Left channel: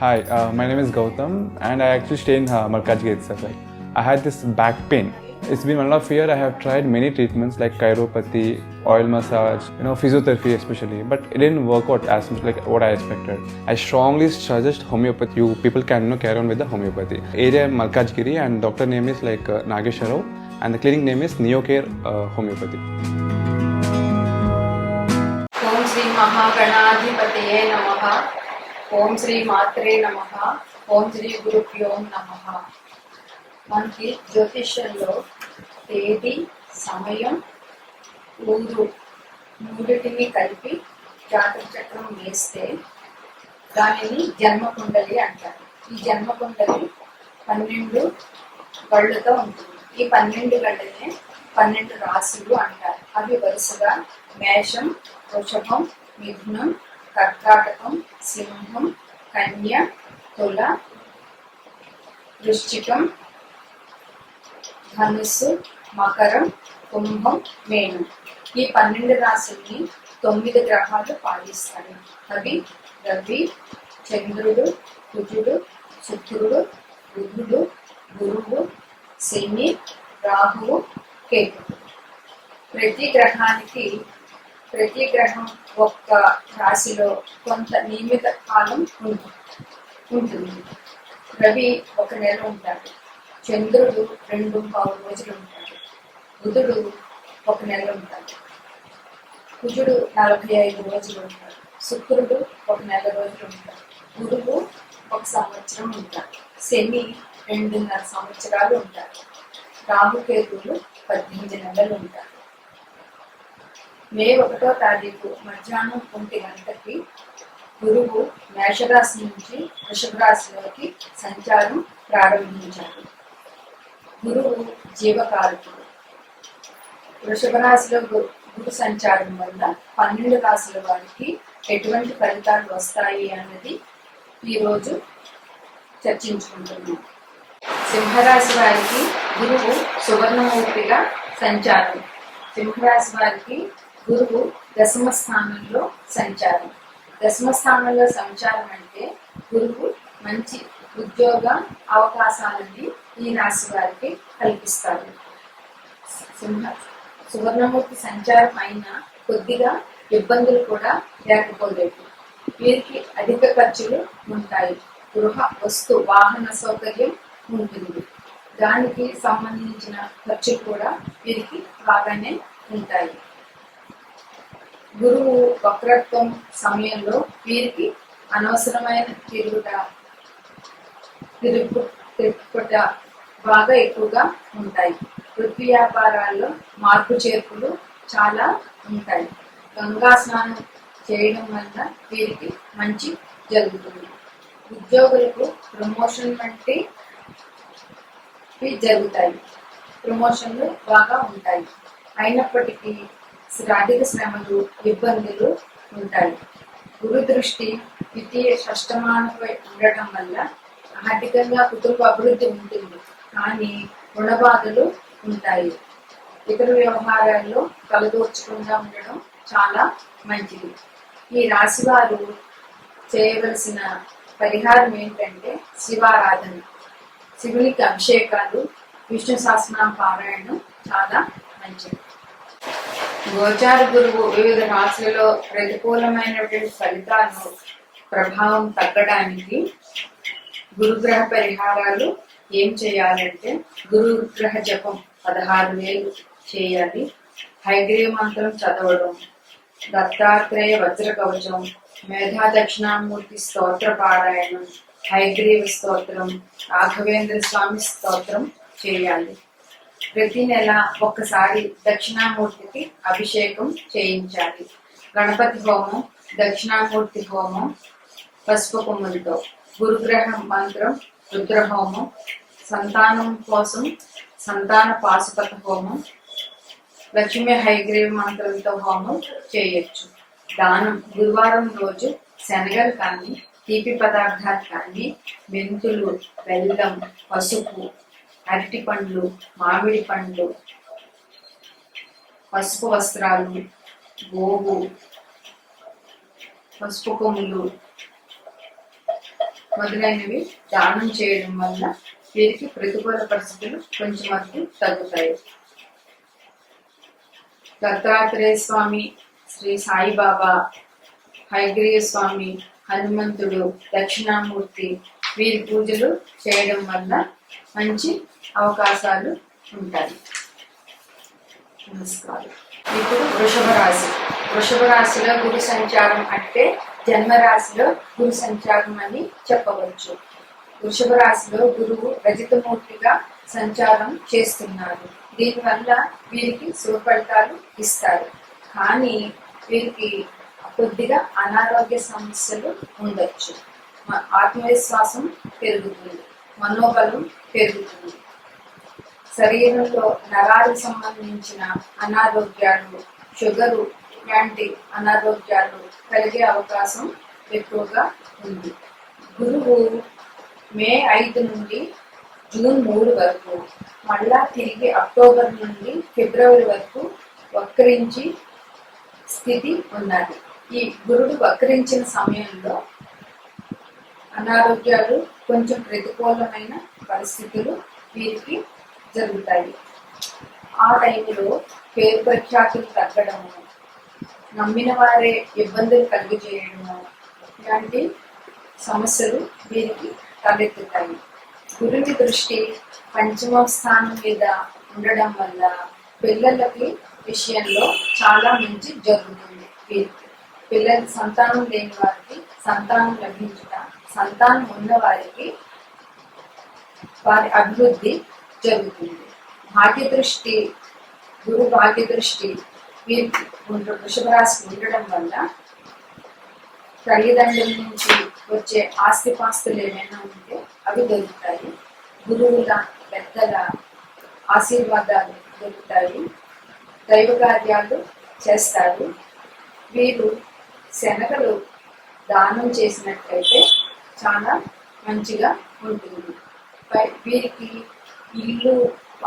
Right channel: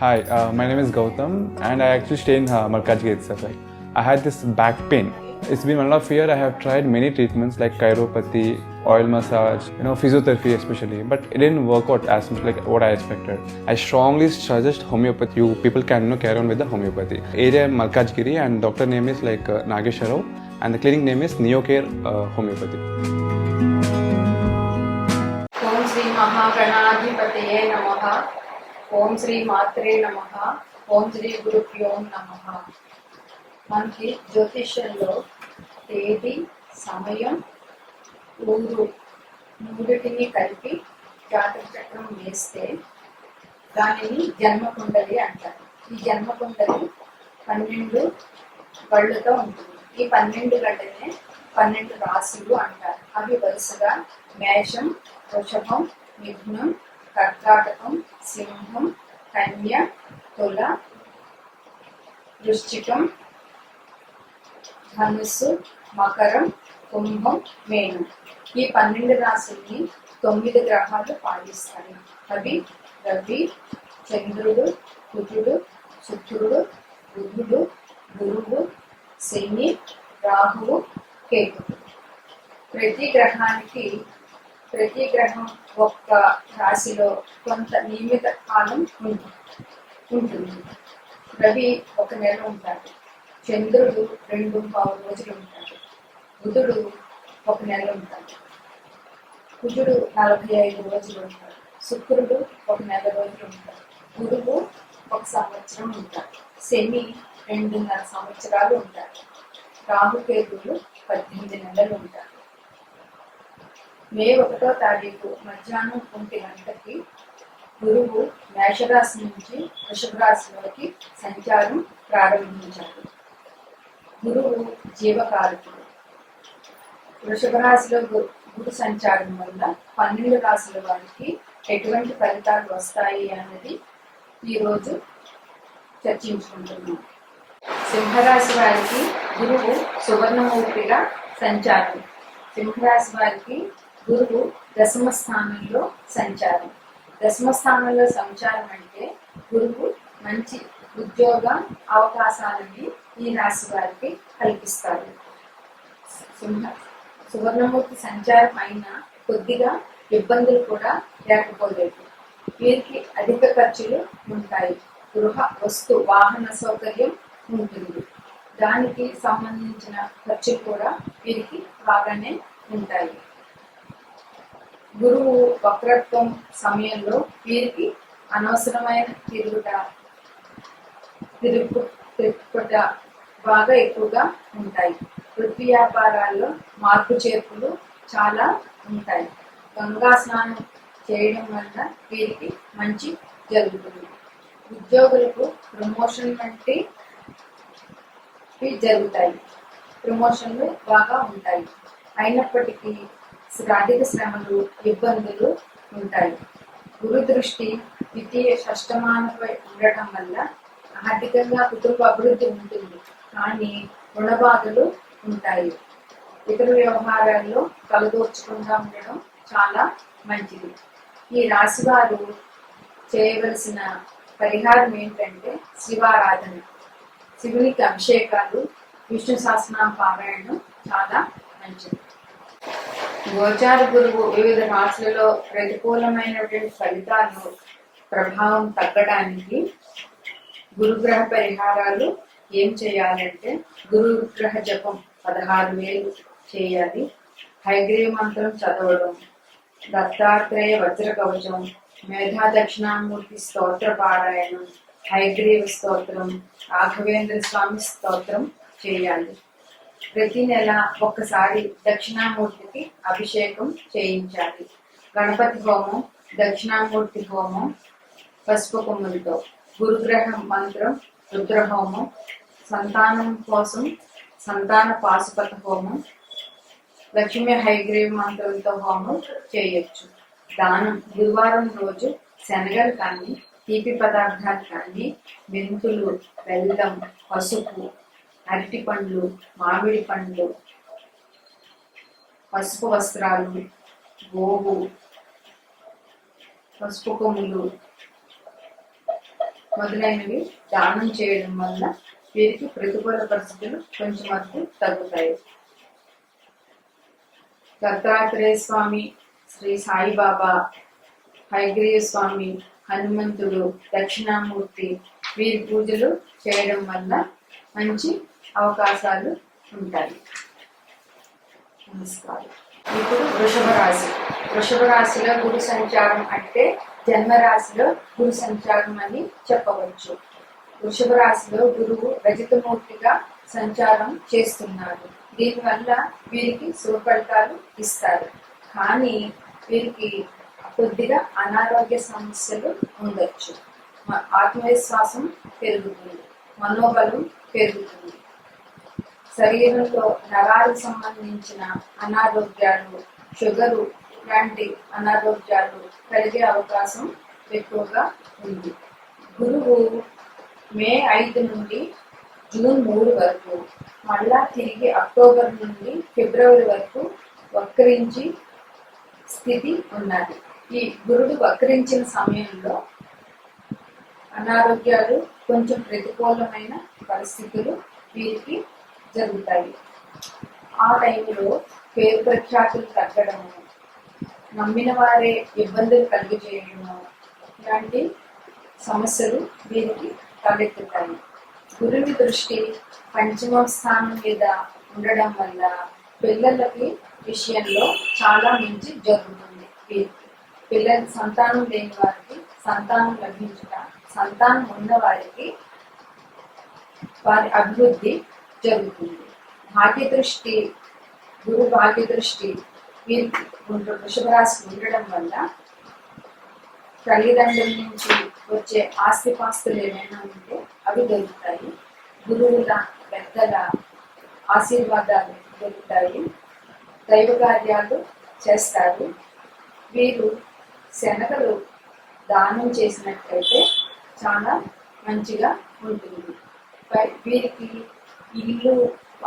Hi, my name is Gautam, and I actually stay in Malkajgiri itself. Like, I had this back pain. It's been 1.5 years. I have tried many treatments like chiropathy, oil massage, physiotherapy especially, but it didn't work out as much like what I expected. I strongly suggest homeopathy. You people can carry on with the homeopathy. Area Malkajgiri, and doctor name is like Nagesharov, and the clinic name is Neocare Homeopathy. ఓం శ్రీ మహాగణాధిపతయే నమః. ఓం శ్రీ మాత్రే నమః. ఓం శ్రీ గురుభ్యో నమః. మనకి జ్యోతిష్యంలో తేదీ, సమయం, ఊరు మూడిటిని కలిపి జాతక చక్రం వేస్తే దానిని జన్మకుండలి అంటారు. ఈ జన్మకుండలి 12 గళ్ళతో ఉంటుంది. ఈ 12 గళ్ళనే 12 రాశులు అంటారు. అవి వరుసగా మేషం, వృషభం, మిథునం, కర్కాటకం, సింహం, కన్య, తుల, వృశ్చికం, ధనుస్సు, మకరం, కుంభం, మేనం. ఈ 12 రాశుల్ని 9 గ్రహాలు పాలిస్తాయి. అవి రవి, చంద్రుడు, కుజుడు, శుక్రుడు, బుధుడు, గురువు, శని, రాహువు, కేతువు. ప్రతి గ్రహం ఒక్క రాశిలో కొంత నియమిత కాలం ఉంటుంది. రవి 1 నెల ఉంటాడు, చంద్రుడు 2.5 రోజులు ఉంటాడు, బుధుడు 1 నెల ఉంటాడు, కుజుడు 45 రోజులు ఉంటాడు, శుక్రుడు 1 నెల రోజులు ఉంటాడు, గురువు 1 సంవత్సరం ఉంటాడు, శని 2.5 సంవత్సరాలు ఉంటాడు, రాహుకేతువులు 18 నెలలు ఉంటారు. మే 1వ తారీఖు మధ్యాహ్నం 1 గంటకి గురువు మేషరాశి నుంచి వృషభ రాశిలోకి సంచారం ప్రారంభించాడు. గురువు జీవకారకుడు. వృషభ రాశిలో గురు సంచారం వల్ల 12 రాశుల వారికి ఎటువంటి ఫలితాలు వస్తాయి అన్నది ఈరోజు చర్చించుకుంటున్నాం. సింహరాశి వారికి గురువు సువర్ణమూర్తిగా సంచారం. సింహరాశి వారికి గురువు 10వ స్థానంలో సంచారం. 10వ స్థానంలో సంచారం అంటే గురువు మంచి ఉద్యోగ అవకాశాలని ఈ రాశి వారికి కల్పిస్తారు. సువర్ణమూర్తి సంచారం అయినా కొద్దిగా ఇబ్బందులు కూడా లేకపోలేదు. వీరికి అధిక ఖర్చులు ఉంటాయి. గృహ వస్తు వాహన సౌకర్యం ఉంటుంది. దానికి సంబంధించిన ఖర్చులు కూడా వీరికి బాగానే ఉంటాయి. గురువు వక్రత్వం సమయంలో వీరికి అనవసరమైన తిరుగుట బాగా ఎక్కువగా ఉంటాయి. వృత్తి వ్యాపారాల్లో మార్పు చేర్పులు చాలా ఉంటాయి. గంగా స్నానం చేయడం వల్ల వీరికి మంచి జరుగుతుంది. ఉద్యోగులకు ప్రమోషన్ వంటి జరుగుతాయి. ప్రమోషన్లు బాగా ఉంటాయి. అయినప్పటికీ ఆర్థిక శ్రమలు, ఇబ్బందులు ఉంటాయి. గురు దృష్టి ద్వితీయ షష్టమానపై ఉండటం వల్ల ఆర్థికంగా కుటుంబ అభివృద్ధి ఉంటుంది, కానీ రుణబాధలు ఉంటాయి. ఇతర వ్యవహారాల్లో తలదూర్చకుండా ఉండడం చాలా మంచిది. ఈ రాశి వారు చేయవలసిన పరిహారం ఏంటంటే శివారాధన, శివునికి అభిషేకాలు, విష్ణు సహస్రనామ పారాయణం చాలా మంచిది. గోచార గురువు వివిధ రాశులలో ప్రతికూలమైనటువంటి ఫలితాలను ప్రభావం తగ్గడానికి గురుగ్రహ పరిహారాలు ఏం చేయాలంటే గురుగ్రహ జపం 16,000 చేయాలి. హైగ్రీవ మంత్రం చదవడం, దత్తాత్రేయ వజ్ర కవచం, మేధా దక్షిణామూర్తి స్తోత్ర పారాయణం, హైగ్రీవ స్తోత్రం, రాఘవేంద్ర స్వామి స్తోత్రం చేయాలి. ప్రతి నెల ఒక్కసారి దక్షిణామూర్తికి అభిషేకం చేయించాలి. గణపతి హోమం, దక్షిణామూర్తి హోమం పసుపు కొమ్ములతో, గురుగ్రహ మంత్రం రుద్రహోమం, సంతానం కోసం సంతాన పాశుపత హోమం, లక్ష్మీ హైగ్రీవ మంత్రంతో హోమం చేయొచ్చు. దానం గురువారం రోజు శనగలు కానీ, తీపి పదార్థాలు కానీ, మెంతులు, బెల్లం, పసుపు, అరటి పండ్లు, మామిడి పండ్లు, పసుపు వస్త్రాలు, గోవు, పసుపు కొమ్ములు, మొదలైనవి దానం చేయడం వల్ల వీరికి ప్రతికూల పరిస్థితులు కొంచెం వరకు తగ్గుతాయి. దత్తాత్రేయ స్వామి, శ్రీ సాయిబాబా, హయగ్రీవ స్వామి, హనుమంతుడు, దక్షిణామూర్తి వీరి పూజలు చేయడం వల్ల మంచి అవకాశాలు ఉంటాయి. నమస్కారం. ఇప్పుడు వృషభ రాశిలో గురు సంచారం అంటే జన్మరాశిలో గురు సంచారం అని చెప్పవచ్చు. వృషభ రాశిలో గురువు రజితమూర్తిగా సంచారం చేస్తున్నారు. దీనివల్ల వీరికి శుభ ఫలితాలు ఇస్తారు. కానీ వీరికి కొద్దిగా అనారోగ్య సమస్యలు ఉండొచ్చు. ఆత్మవిశ్వాసం పెరుగుతుంది, మనోబలం పెరుగుతుంది. శరీరంలో నరాలకు సంబంధించిన అనారోగ్యాలు, షుగరు లాంటి అనారోగ్యాలు కలిగే అవకాశం ఎక్కువగా ఉంది. గురువు మే 5 నుండి జూన్ 3 వరకు, మళ్ళా తిరిగి అక్టోబర్ నుండి ఫిబ్రవరి వరకు వక్రించి స్థితి ఉన్నది. ఈ గురుడు వక్రించిన సమయంలో అనారోగ్యాలు, కొంచెం ప్రతికూలమైన పరిస్థితులు వీరికి జరుగుతాయి. ఆ టైంలో పేరు ప్రఖ్యాతులు తగ్గడము, నమ్మిన వారే ఇబ్బందులు కలిగజేయడము ఇలాంటి సమస్యలు వీరికి తలెత్తుతాయి. గురుని దృష్టి పంచమ స్థానం మీద ఉండడం వల్ల పిల్లలకి విషయంలో చాలా మంచి జరుగుతుంది. వీరికి పిల్లలకి సంతానం లేని వారికి సంతానం లభించుట, సంతానం ఉన్న వారికి వారి అభివృద్ధి జరుగుతుంది. భాగ్యదృష్టి, గురు భాగ్యదృష్టి వీరికి వృషభ రాశికి ఉండడం వల్ల తల్లిదండ్రుల నుంచి వచ్చే ఆస్తిపాస్తులు ఏమైనా ఉంటే అవి దొరుకుతాయి. గురువుల, పెద్దల ఆశీర్వాదాలు దొరుకుతాయి. దైవ కార్యాలు చేస్తారు. వీరు శనగలు దానం చేసినట్లయితే చాలా మంచిగా ఉంటుంది. వీరికి ఇల్లు,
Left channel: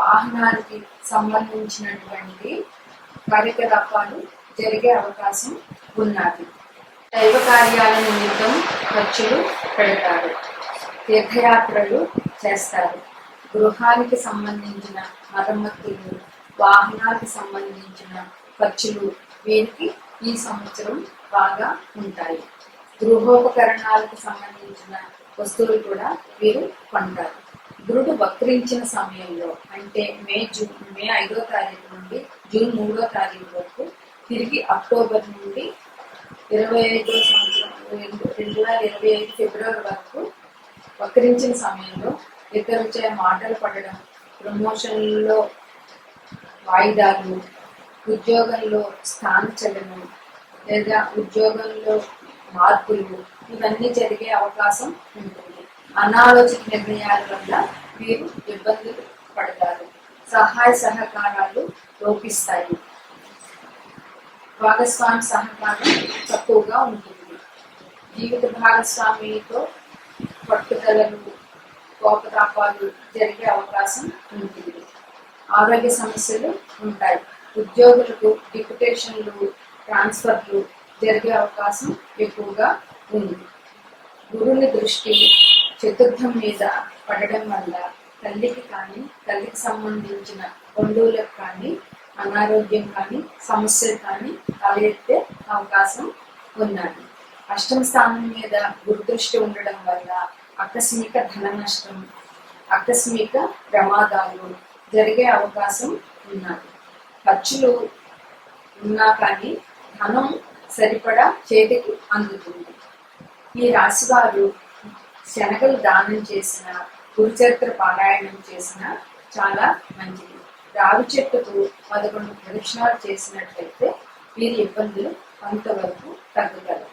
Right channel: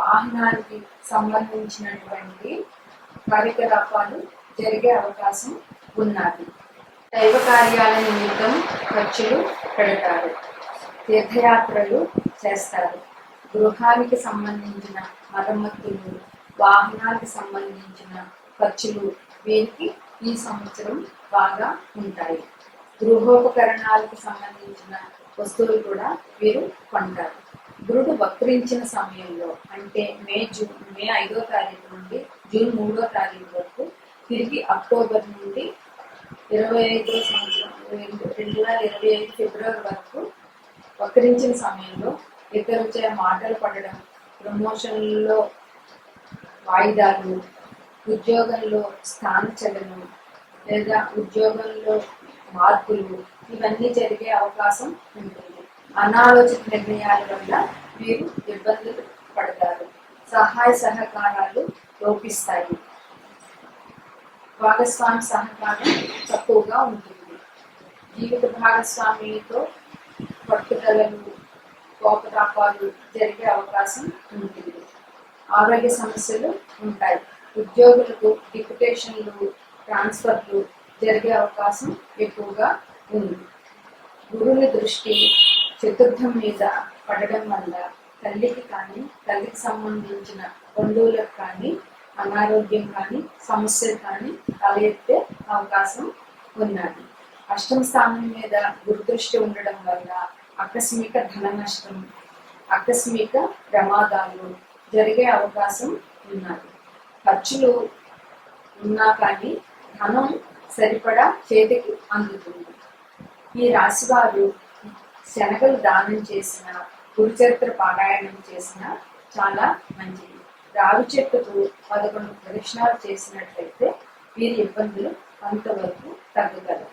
వాహనాలకి సంబంధించినటువంటి కార్యకలాపాలు జరిగే అవకాశం ఉన్నది. దైవ కార్యాల నిమిత్తం ఖర్చులు పెడతారు. తీర్థయాత్రలు చేస్తారు. గృహానికి సంబంధించిన మరమ్మతులు, వాహనాలకు సంబంధించిన ఖర్చులు వీరికి ఈ సంవత్సరం బాగా ఉంటాయి. గృహోపకరణాలకు సంబంధించిన వస్తువులు కూడా వీరు కొంటారు. గురుడు వక్రించిన సమయంలో అంటే మే 5వ తారీఖు నుండి జూన్ 3వ తారీఖు వరకు, తిరిగి అక్టోబర్ నుండి 25వ సంవత్సరం 2025 ఫిబ్రవరి వరకు వక్రించిన సమయంలో ఇతరులచే మాటలు పడడం, ప్రమోషన్లలో వాయిదాలు, ఉద్యోగంలో స్థానచలనం లేదా ఉద్యోగంలో మార్పులు ఇవన్నీ జరిగే అవకాశం ఉంటుంది. అనాలోచిత నిర్ణయాల వల్ల వీరు ఇబ్బందులు పడతారు. సహాయ సహకారాలు లోపిస్తాయి. భాగస్వామి సహకారం తక్కువగా ఉంటుంది. జీవిత భాగస్వామితో పట్టుదలలు, కోపతాపాలు జరిగే అవకాశం ఉంటుంది. ఆరోగ్య సమస్యలు ఉంటాయి. ఉద్యోగులకు డిప్యుటేషన్లు, ట్రాన్స్ఫర్లు జరిగే అవకాశం ఎక్కువగా ఉంది. గురుని దృష్టి చతుర్థం మీద పడడం వల్ల తల్లికి కానీ, తల్లికి సంబంధించిన బంధువులకు కానీ అనారోగ్యం కానీ, సమస్యలు కానీ తలెత్తే అవకాశం ఉన్నది. అష్టమ స్థానం మీద గురుదృష్టి ఉండడం వల్ల ఆకస్మిక ధన నష్టం, ఆకస్మిక ప్రమాదాలు జరిగే అవకాశం ఉన్నది. ఖర్చులు ఉన్నా కానీ ధనం సరిపడా చేతికి అందుతుంది. ఈ రాశి వారు శనగలు దానం చేసిన, గురుచరిత్ర పారాయణం చేసిన చాలా మంచిది. రావి చెట్టుకు 11 ప్రదక్షిణాలు చేసినట్లయితే వీరి ఇబ్బందులు కొంతవరకు తగ్గుతాయి.